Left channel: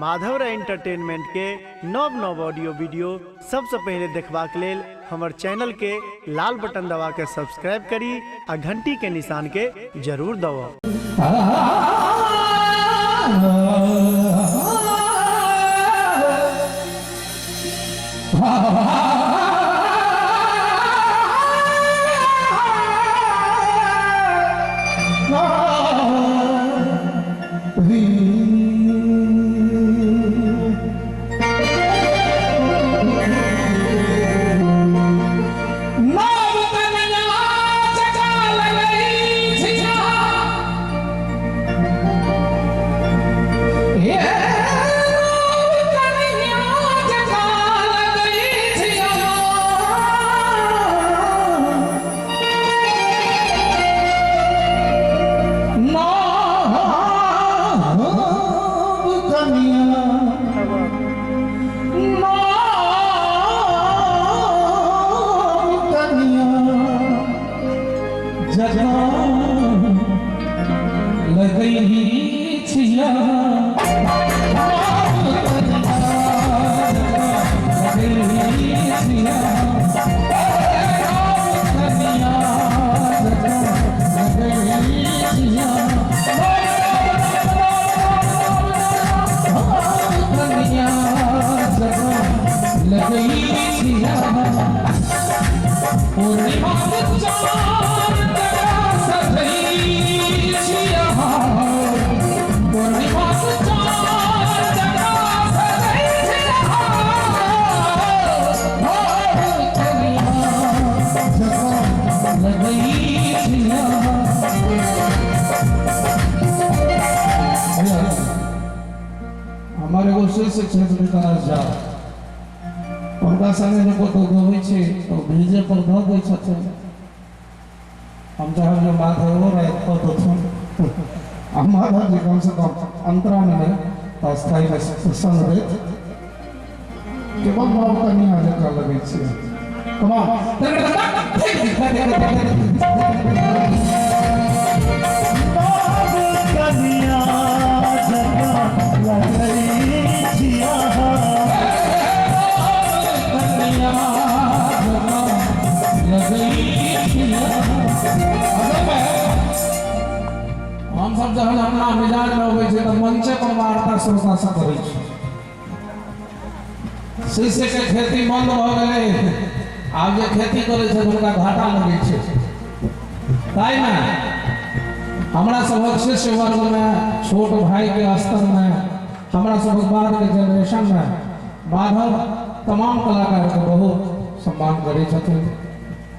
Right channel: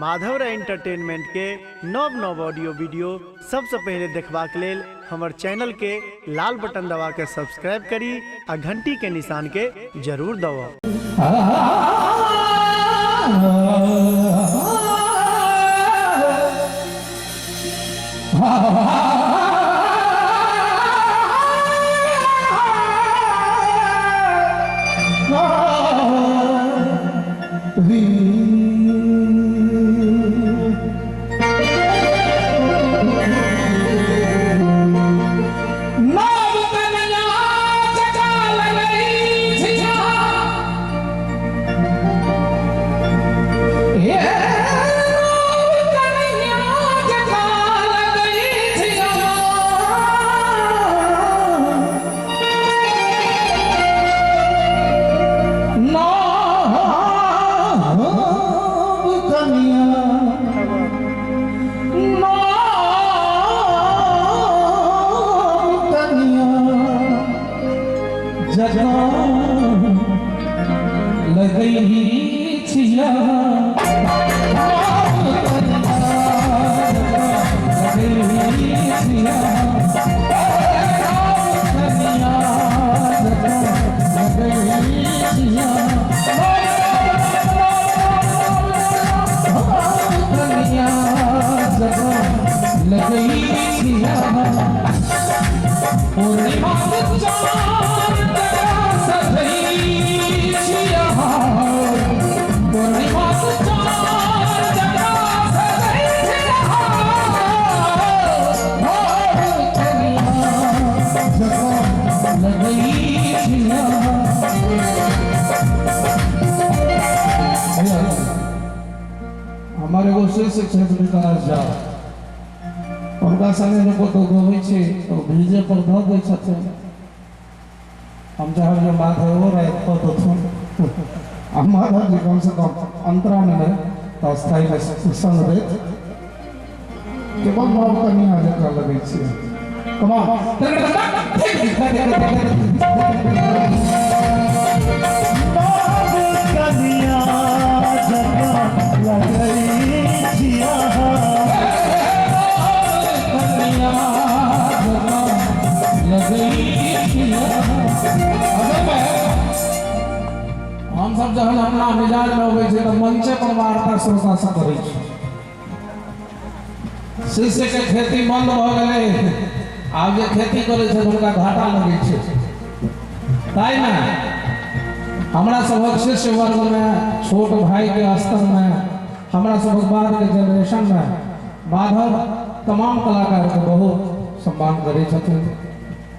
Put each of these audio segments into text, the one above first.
Madhav entertainment के नव नव ऑडियो वीडियो सबसे पहले देखबाक लेल हमर चैनल के लाल बटन दबा के सब्सक्राइब करी आ घंटी के निशान के जरूर दबाओ। हमारे वो शिक्षक जा उनका संगे को तो गोई छे तो भेजे पर ध गई छथे हम जहां जो बात है हो रहा है तो हमारा जी कम से कम अंतराल में तो स्थायी में संग रे केवल बाबू का नहीं आजे कर लगे छे हम सब जहन अपना मिजाज में होवे छे तो मंचे पर वार्ता श्रोता सब करै छै शिष्य के खेती बंद भ गेलै आब जे खेती करे छै उनका घाटा लगे छै ताई ना हमरा सबक शिष्य वर्ग में छोट भाई के स्तर में हमरा सबक बाद के जनरेशन में माधव तमाम कलाकार के बहुत सम्मान करे छथिन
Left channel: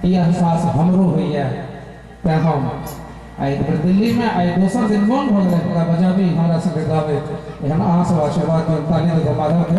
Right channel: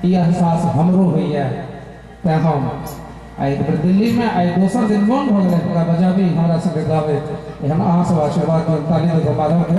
ई एहसास हमरो होइए ते हम आई दिल्ली में आई दोसर दिन मोन भ गेलै पूरा बजाबी हमरा संगे गावे एहन अहाँ सब आशीर्वाद के ताली दे माधव के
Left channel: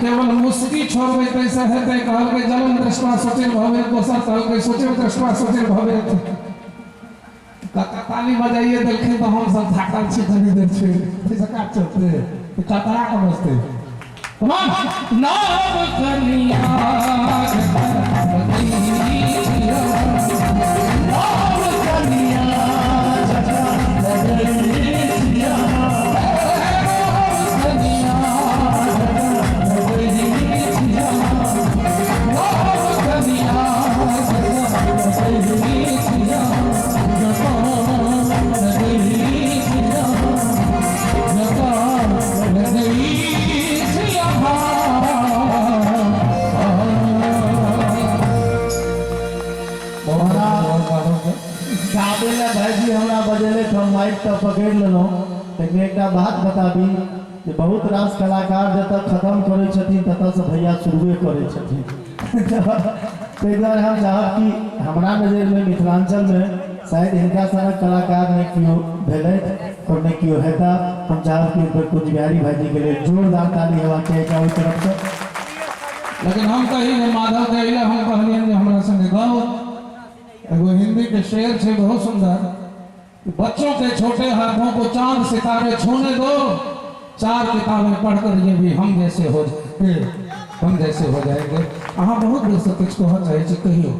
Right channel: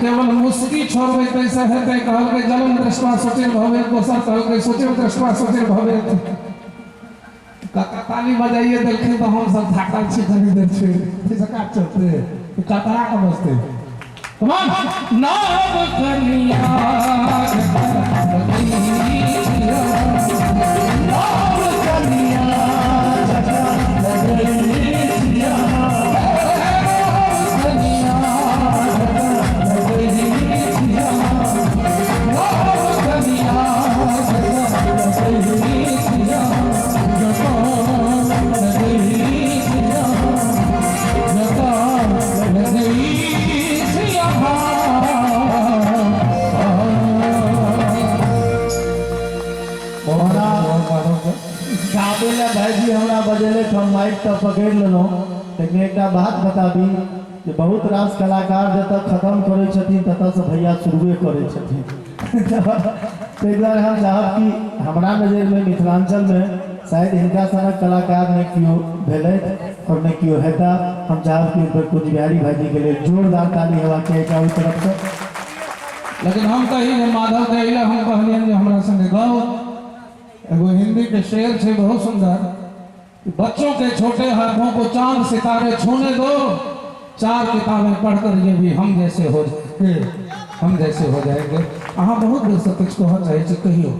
केवल मुस्की छोड़बे तैसे हेतै कहलकै जलन दृष्टा सोचेर भवे दोसर कहलकै सोचेर दृष्टा सोचेर भवे ताली बजाइए देलखिन तो हम सब थाकल छी कनी देर छै से का चलते कतरा के बसते कमान नाम कनिया भाईजी हमरा बजेले तो माइक तो पकड़ लेलो लेकिन एक बात बताबी कि बहुत रास कलाकार जब खत्म करे छथिन ततः से भैया शुरुए करे छथिन ताहि दुआरे हम चाहब कि हमरा नजर में मिथिलांचल में शायद हिनका सनक कलाकार ने क्यों भेले और ने क्यों हेता हम चाहब कि ऊपर कुछ बिहारी भाईजी के लिए जोरदार ताली हेवा के चारों तरफ से। लेकिन हम कही माधव कहले हम कहलियन जे हमरा संगे गाओ एगो हिंदी के शेर है बहुत सुंदर। बच्चों के छोटे हाथों को चांद सितारे छूने दो, 4 किताबें पढ़कर ये भी हम जैसे हो जाएंगे। अहाँ बहुत देर से कुछ कह चाहे कहियो।